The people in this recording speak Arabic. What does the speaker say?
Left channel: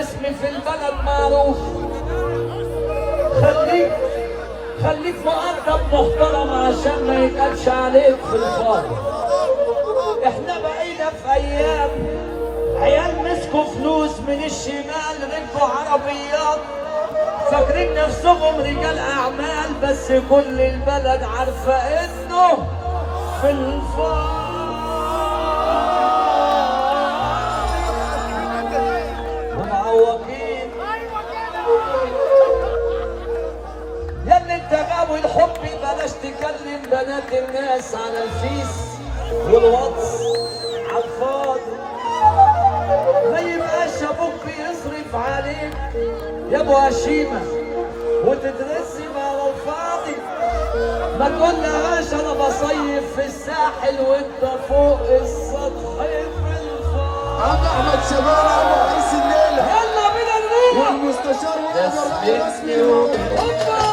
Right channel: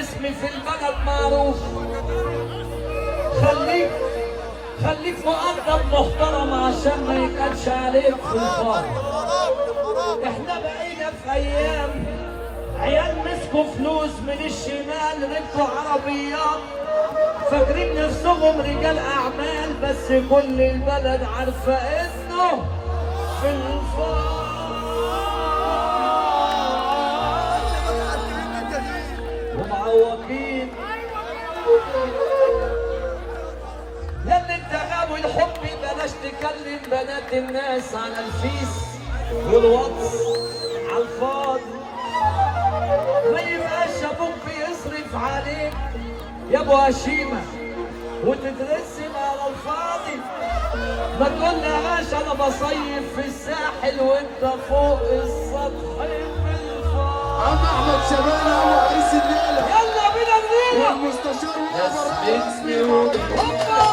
اسمي في البلد معروف. خليك مؤدب محترم عشان ما يتقالش عليك في الفاضي. احنا بقينا في ايام عيال مسكوا فلوس من الشمال ركبوا عربيات فاكرين نفسهم رجال اعمال، بس كل البلد عارفه انه في الفاضي. ياللي انت جاوي الحب بلاش تكلم بنات الناس على الفيس والواتس على الفاضي. ما يبقاش ابوك بيصرف عليك يا ابو هشيمه وتترسم على الفاضي. ما تقولهاش انا بصيف في الساحل وانت فوق السطح في الفاضي. عم احمد شبانه هو عريس الليله. يلا بينا نروح والمستشار واقف الرسمي.